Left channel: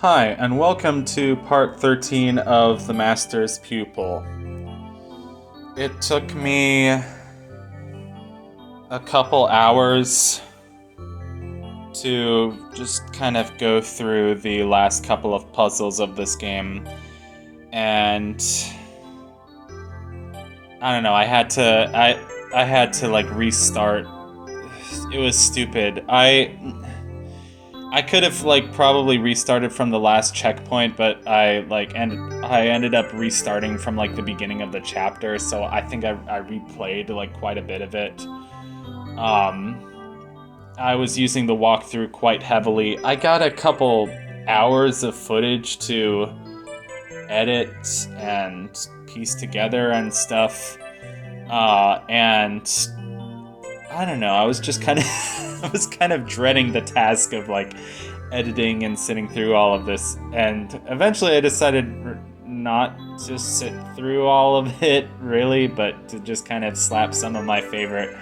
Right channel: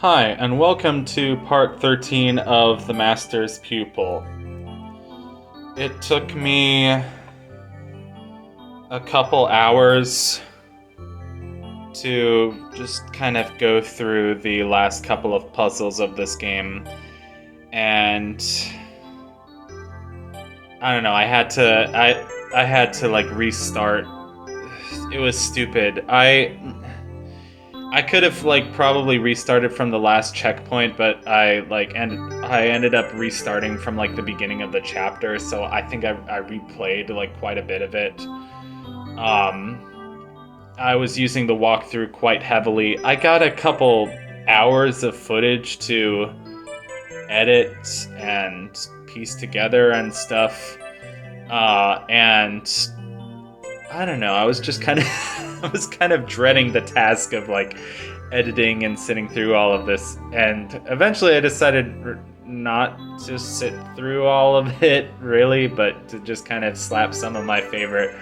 Hi, and welcome to part 13 of The Master's Pupil. It took me a couple hours to just kind of go through the last couple of puzzles of this game, and I don't know, I had to like restart. It was stupid. I could have like probably restarted from the last checkpoint, but I ended up restarting from like the beginning of the chapter, so I think I replayed like quite a bit of it. I was using the walkthrough quite heavily. I got a couple hours of footage to edit and piece together and stuff. And I don't know. I was just kind of I was kind of dreading the task of like editing and sitting through all of this, and eventually I decided not to sit through all of it really, but to just kind of slap some of my favorite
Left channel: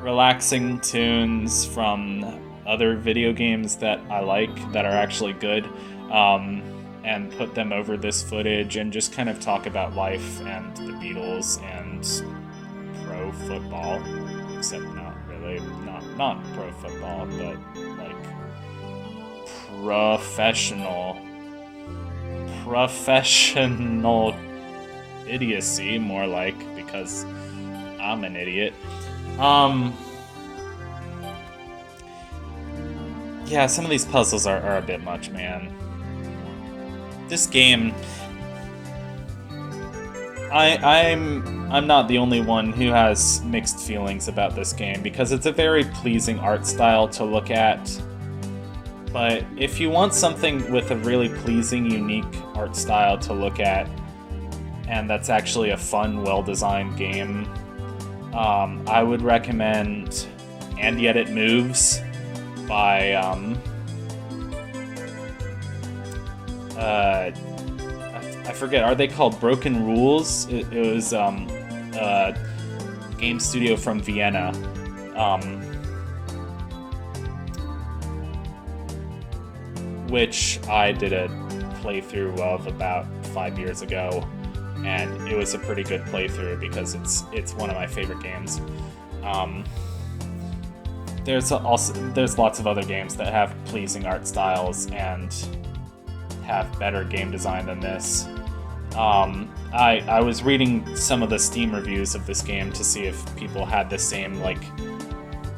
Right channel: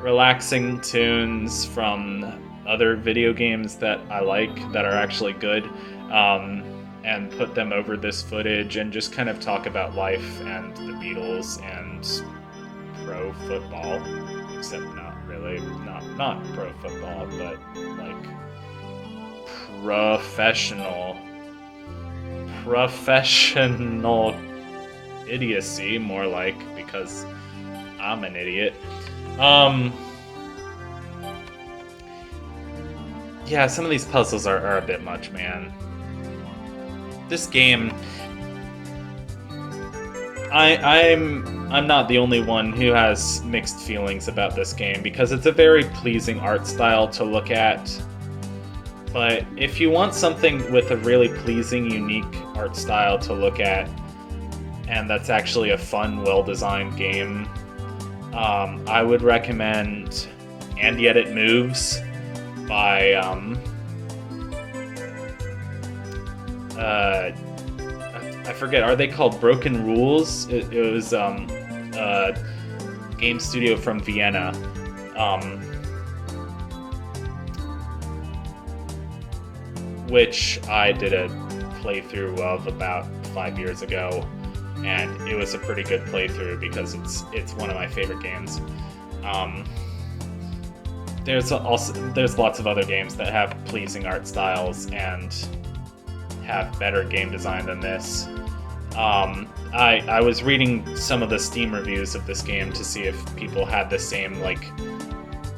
relaxing tunes from other video games that I like that are actually good, and put them over this footage and just kind of talk about life and the Beatles and pro football, except not really, not pro football, but like professional idiocy, more like, because I'm an idiot. Yeah, some of these puzzles are a bit much, man. This game, I'm not the only one who has mixed feelings about this game, because it's a very pleasing art style to look at. But if you want something with a really pleasing, unique art style to look at, and that's actually a fun, well-designed game, I would recommend And Yet It Moves by I forget, are they called Broken Rules? It was a game studio from Vienna. Which I did a playthrough of about 5 years ago, and it was a pretty good playthrough because it's one of my favorite games. There's lots of other games that have pleasing art styles and have better game design than this. I was reading some of the Steam reviews of this game to see if people had the same like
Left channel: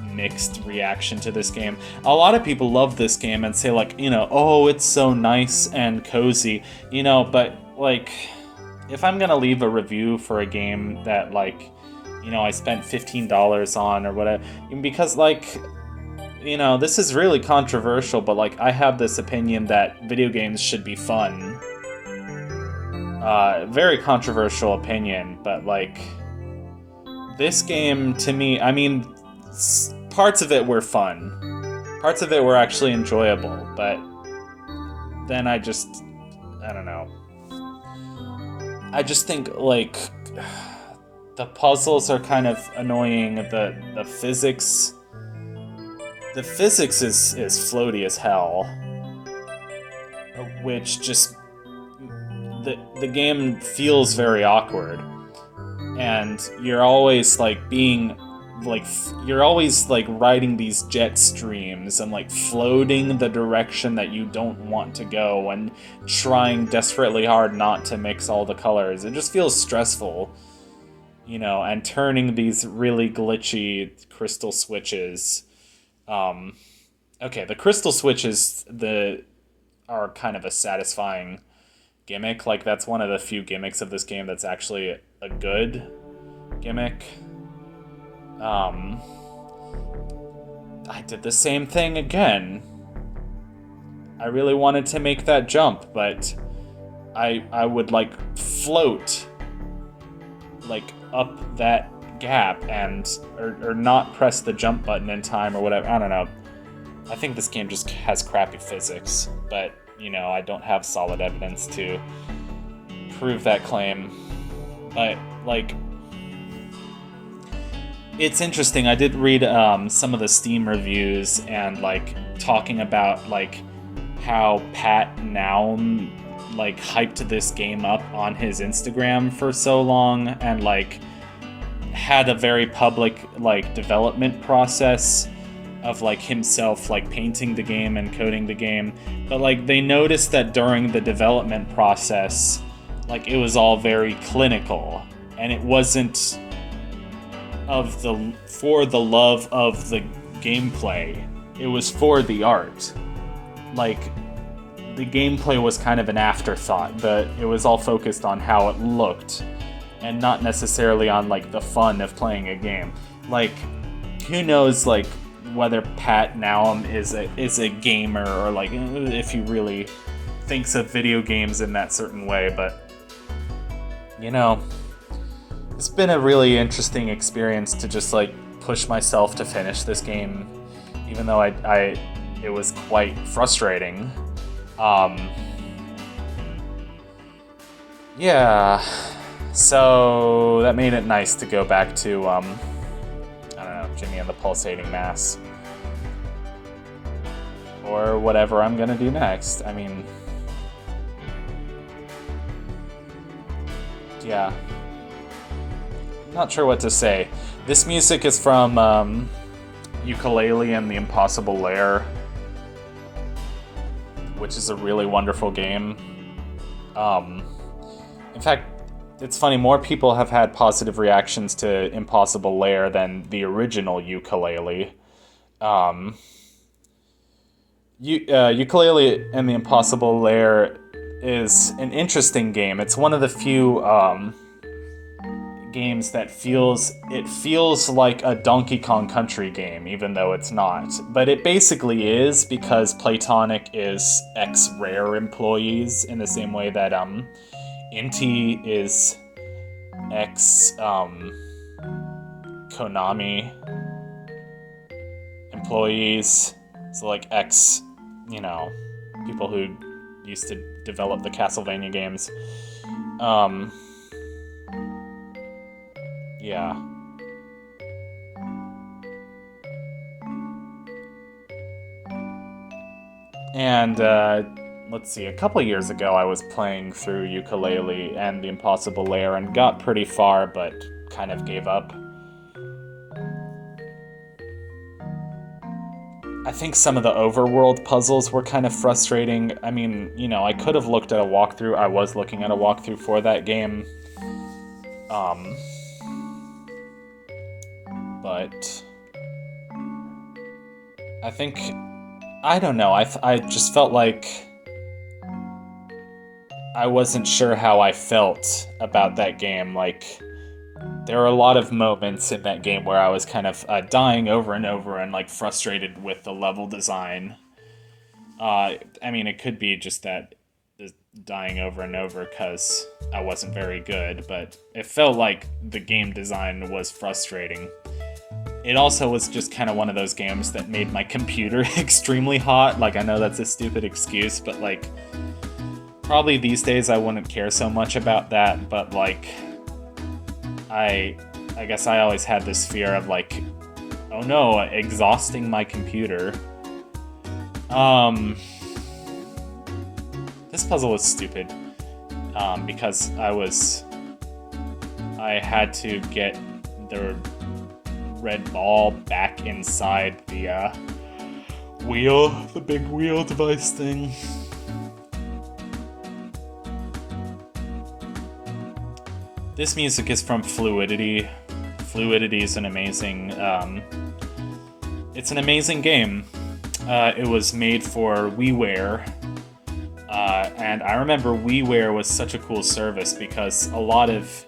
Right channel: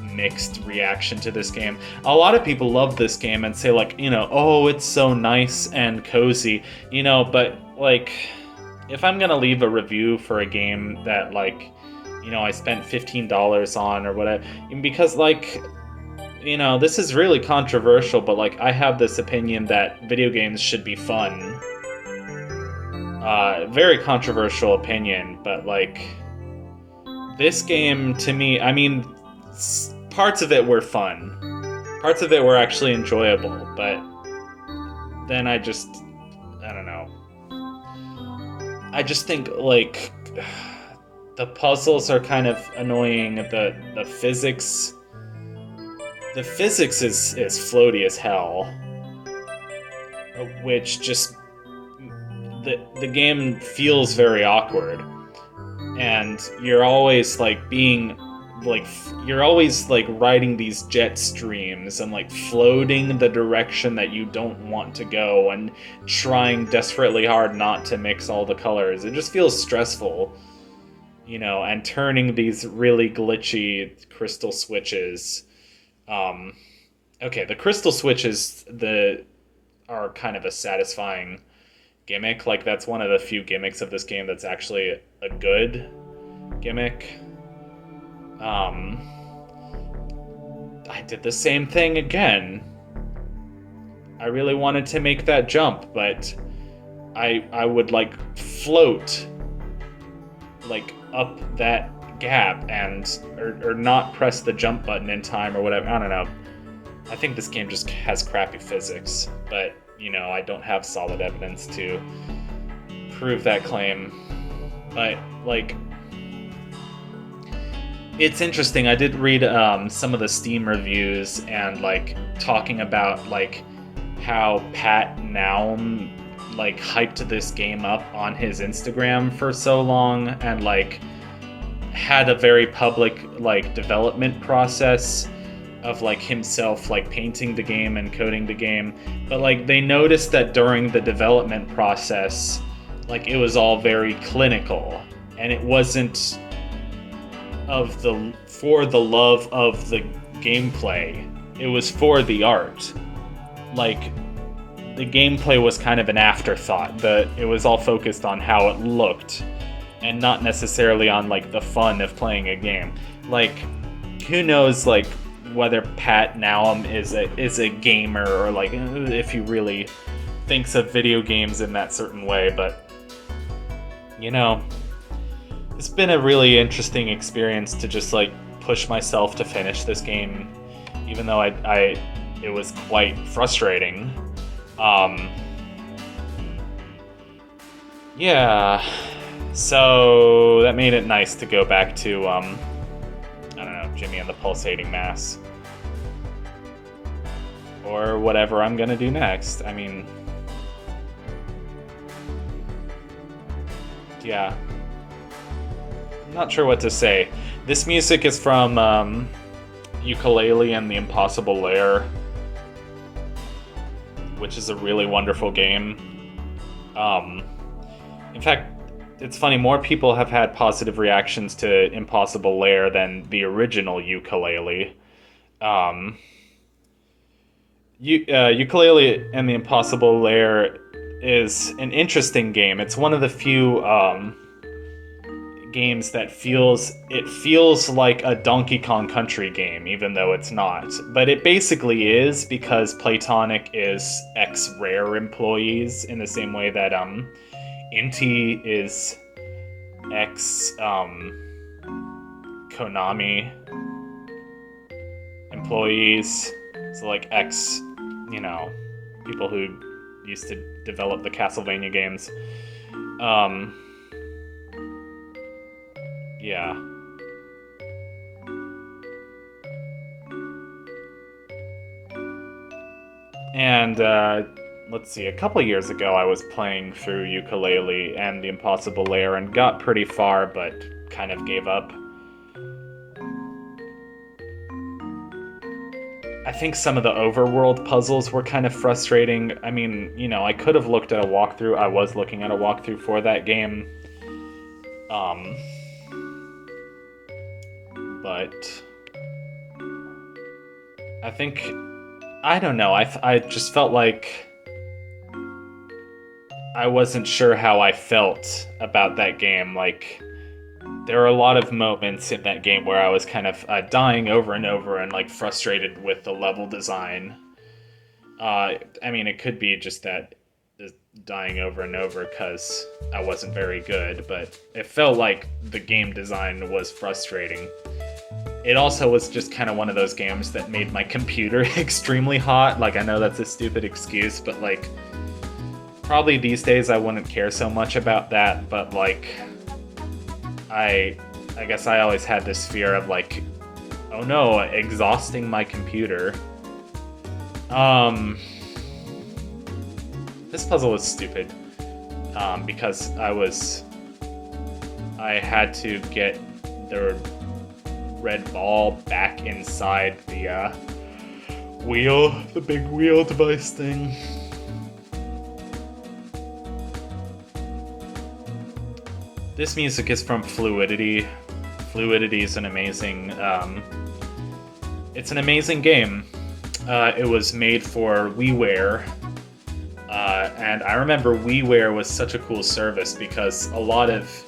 mixed reaction to this game. A lot of people love this game and say like, oh, it's so nice and cozy, but like, if I'm gonna leave a review for a game that like, I spent $15 on or whatever, because like, this is really controversial, but like, I have this opinion that video games should be fun. Very controversial opinion, but like, this game to me, I mean, parts of it were fun. Parts of it were actually enjoyable, but then I don't know. I just think, like, the puzzles are kind of annoying. The physics... The physics is floaty as hell. Which just... The game feels very awkward. And you're always, like, you're always like riding these jet streams and like floating the direction that you don't want to go and trying desperately hard not to mix all the colors. It just feels stressful, and turning these really glitchy crystal switches. Okay, the crystal switches are kind of a satisfying gimmick. Like, that's one of the few gimmicks of this game that's actually a good gimmick. I did the same thing again. I really wanted to make that jump, but I would like float like up that gap or not press the jump button in time or whatever. I don't know. I think this game just has crappy physics, but I don't have solid evidence to prove that claim. But like, it's interesting. I did read some of the Steam reviews and like talking about like how Pat Naum like hyped this game up on his Instagram for so long and like had a very public like development process of like himself like painting the game and coding the game, but like they noticed that during the development process like it was all very clinical and it wasn't for the love of the gameplay. It was for the art. Like the gameplay was kind of an afterthought, but it was all focused on how it looked and not necessarily on like the fun of playing a game. Like who knows like whether Pat Naum is a gamer or like if he really thinks of video games in that certain way, but you know, it's been a really interesting experience to just like push myself to finish this game, even though it was quite frustrating. Yeah, so that made it nice to go back to I don't know, Jimmy and the Pulsating Mass, or whatever I'm gonna do next. I mean, yeah. I'm not sure what to say. This music is from Yooka-Laylee and the Impossible Lair, which is a really wonderful game. In fact, it's funny, more people have had positive reactions to Impossible Lair than the original Yooka-Laylee. Yooka-Laylee and the Impossible Lair is an interesting game. It's one of the few games that feels like a Donkey Kong Country game, even though it's not. But it basically is, because Playtonic is ex-Rare employees in the same way that Inti is ex-Konami employees. So like ex, people who used to develop the Castlevania games. Yeah. And, let's see, a couple years ago I was playing through Yooka-Laylee and the Impossible Lair and got pretty far, but kind of gave up. I think some of the overworld puzzles were kind of frustrating. I mean, I could have looked at a walkthrough. I was looking at a walkthrough for that game. But I think, I don't know, I just felt like I wasn't sure how I felt about that game. Like, there are a lot of moments in that game where I was kind of dying over and over and like frustrated with the level design. I mean, it could be just that dying over and over because I wasn't very good, but it felt like the game design was frustrating. It also was just kind of one of those games that made my computer extremely hot. Like, I know that's a stupid excuse, but like, probably these days I wouldn't care so much about that, but like, I guess I always had this fear of like, oh no, exhausting my computer. This puzzle was stupid, because I had to get the red ball back inside the the big wheel device thing. This music is from Fluidity. Fluidity is an amazing, it's an amazing game. It was made for WiiWare, and I remember WiiWare was such a cool service because a lot of,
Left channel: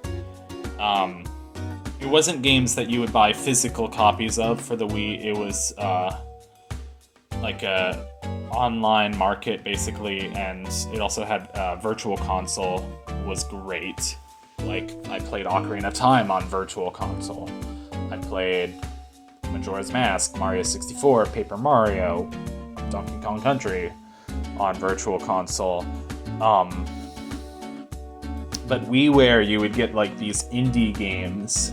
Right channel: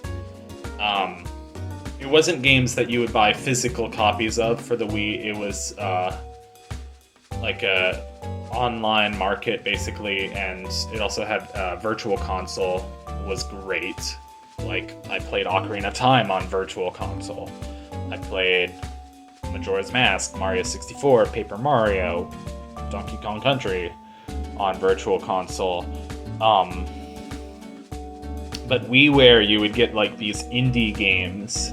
it wasn't games that you would buy physical copies of for the Wii. It was like a online market basically, and it also had Virtual Console. Was great. Like, I played Ocarina of Time on Virtual Console. I played Majora's Mask, Mario 64, Paper Mario, Donkey Kong Country on Virtual Console. But WiiWare, you would get like these indie games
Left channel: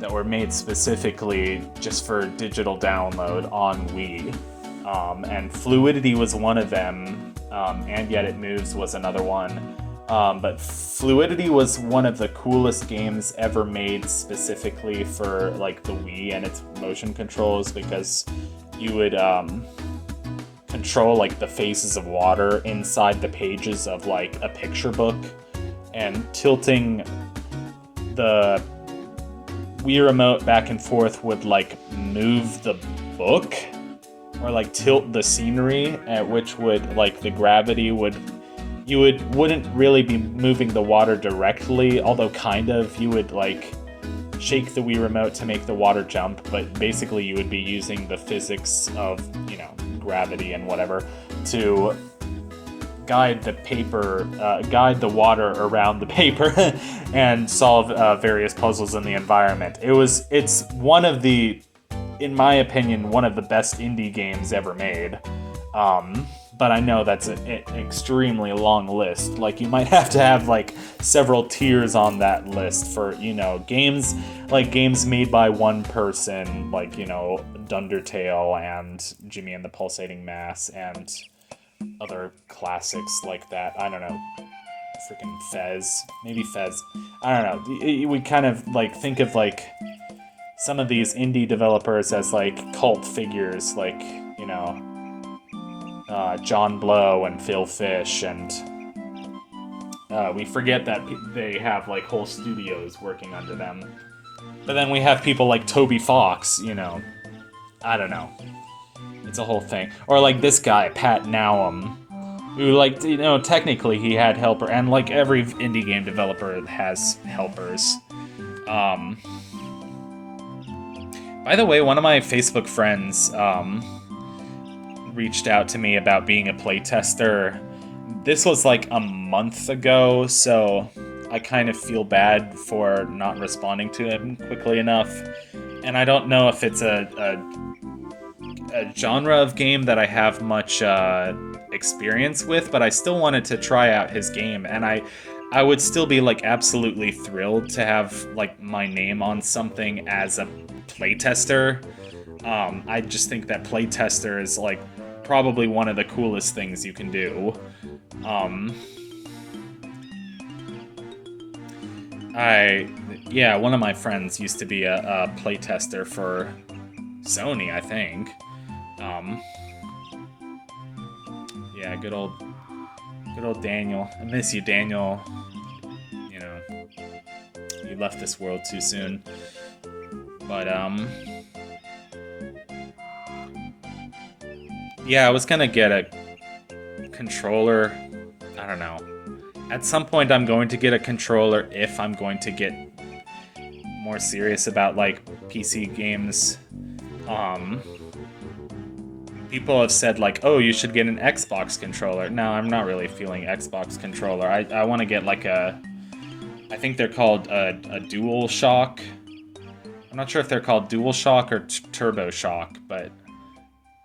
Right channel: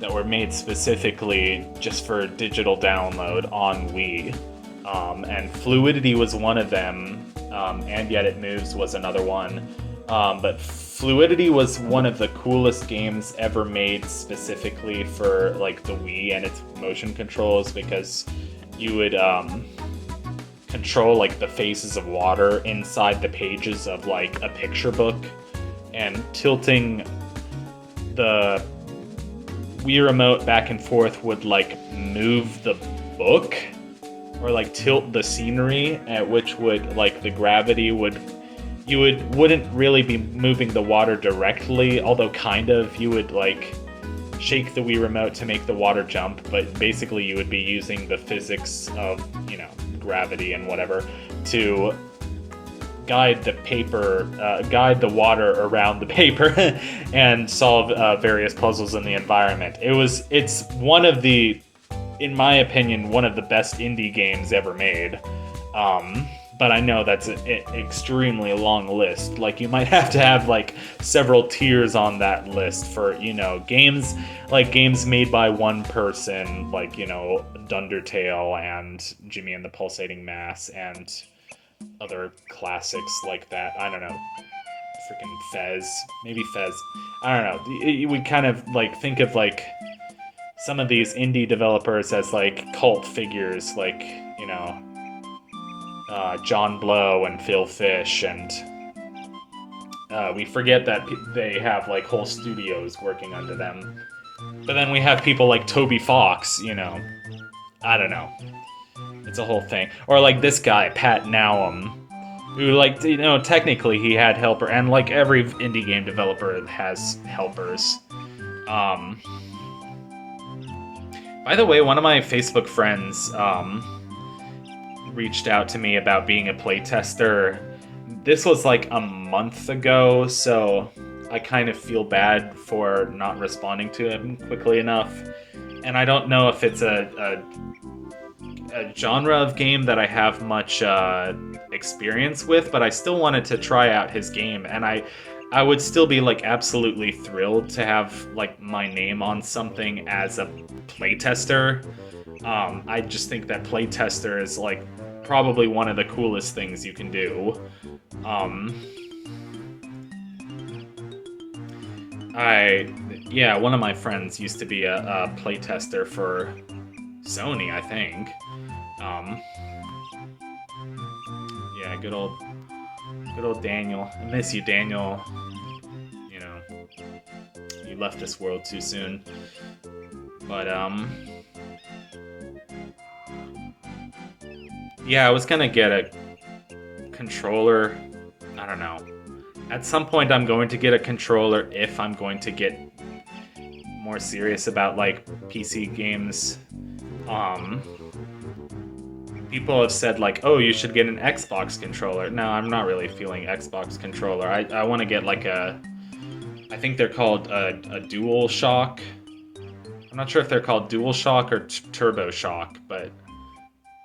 that were made specifically just for digital download on Wii. and Fluidity was one of them, and Yet It Moves was another one. But Fluidity was one of the coolest games ever made specifically for like the Wii and its motion controls, because you would control like the phases of water inside the pages of like a picture book, and tilting the Wii remote back and forth would like move the book or like tilt the scenery, at which would like the gravity would wouldn't really be moving the water directly, although kind of. You would like shake the Wii remote to make the water jump, but basically you would be using the physics of, you know, gravity and whatever to guide the water around the paper and solve various puzzles in the environment. It's one of the, in my opinion, one of the best indie games ever made. But I know that's an extremely long list. Like, you might have to have like several tiers on that list for, you know, games made by one person, like, you know, Dundertale and Jimmy and the Pulsating Mass and other classics like that. I don't know. Freaking Fez. Maybe Fez. I don't know. You would kind of like think of like some of these indie developers as like cult figures, like, you know, John Blow and Phil Fish, and we forget that they have like whole studios working under them. But then we have people like Toby Fox, you know. I don't know. It's a whole thing. Or like this guy, Pat Nowum, who, like, you know, technically he had helper, and like every indie game developer has helpers. By the way, one of my Facebook friends reached out to me about being a playtester. This was like a month ago, so I kind of feel bad for not responding to him quickly enough. And I don't know if it's a genre of game that I have much experience with, but I still wanted to try out his game, and I would still be like absolutely thrilled to have like my name on something as a playtester. I just think that playtester is like probably one of the coolest things you can do. One of my friends used to be a playtester for Sony, I think. Good old Daniel. I miss you, Daniel. You know, you left this world too soon. But yeah, I was gonna get a controller. I don't know. At some point, I'm going to get a controller if I'm going to get more serious about like PC games. People have said like, oh, you should get an Xbox controller. No, I'm not really feeling Xbox controller. I want to get like I think they're called a Dual Shock. I'm not sure if they're called Dual Shock or Turbo Shock, but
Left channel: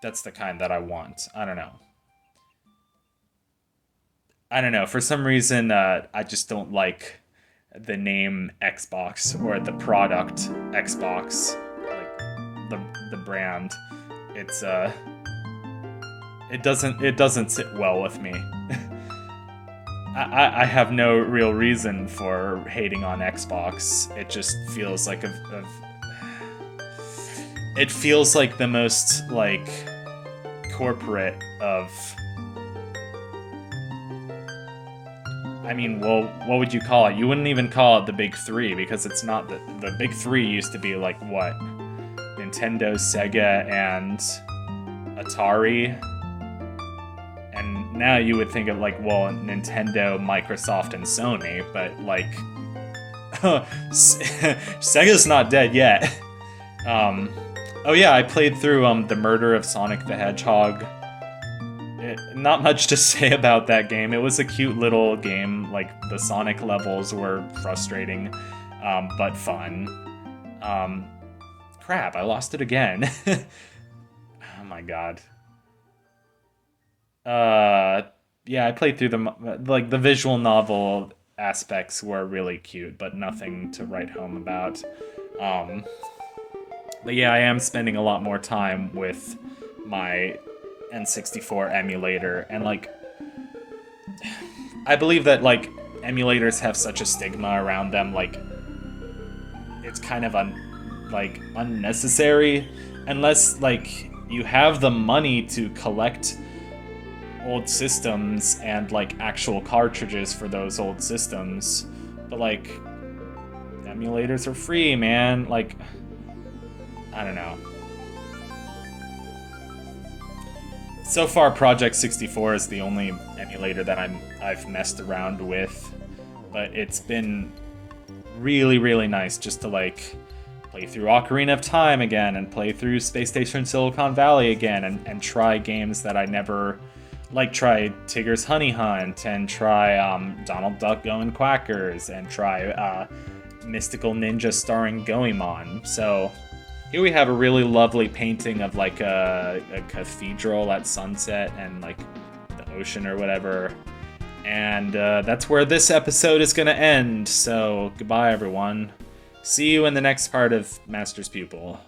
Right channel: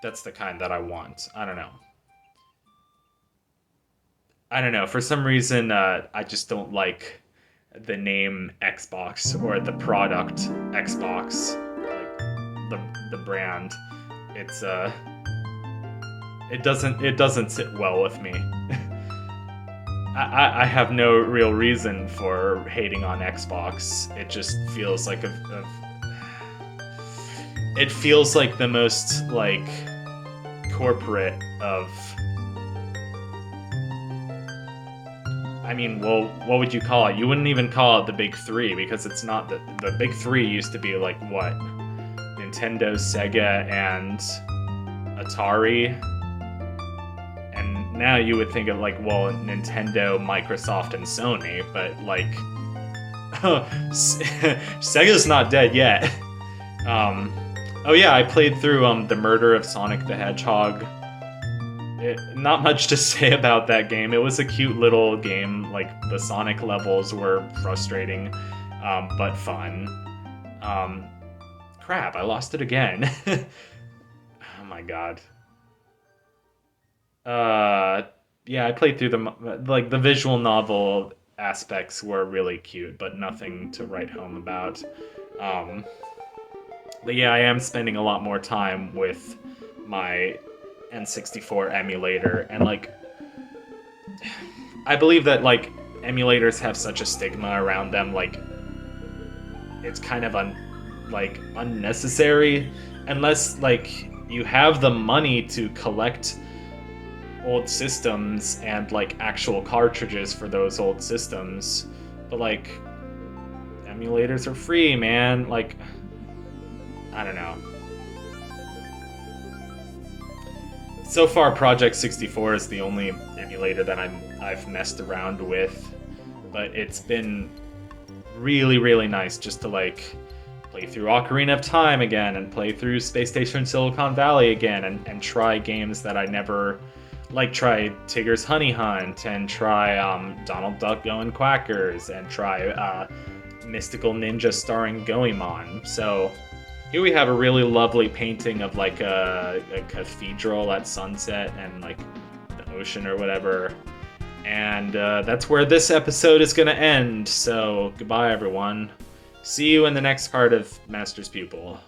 that's the kind that I want. I don't know. For some reason, I just don't like the name Xbox or the product Xbox, like the brand. It's it doesn't sit well with me. I have no real reason for hating on Xbox. It just feels like it feels like the most like corporate of. I mean, well, what would you call it? You wouldn't even call it the Big Three, because it's not the Big Three used to be like what? Nintendo, Sega, and Atari. And now you would think of like, well, Nintendo, Microsoft, and Sony, but like Sega's not dead yet. Oh yeah, I played through The Murder of Sonic the Hedgehog. Not much to say about that game. It was a cute little game. Like, the Sonic levels were frustrating, but fun. Crap, I lost it again. Oh my god. Yeah, I played through the visual novel aspects were really cute, but nothing to write home about. But yeah, I am spending a lot more time with my N64 emulator, and like I believe that like emulators have such a stigma around them, like it's kind of unnecessary unless like you have the money to collect old systems and like actual cartridges for those old systems. But like emulators are free, man. Like I don't know. So far, Project 64 is the only emulator that I've messed around with, but it's been really, really nice just to like play through Ocarina of Time again and play through Space Station Silicon Valley again and try games that I never like. Try Tigger's Honey Hunt and try Donald Duck Going Quackers and try Mystical Ninja starring Goemon. So here we have a really lovely painting of like a cathedral at sunset and like the ocean or whatever. And that's where this episode is going to end. So goodbye, everyone. See you in the next part of Master's Pupil.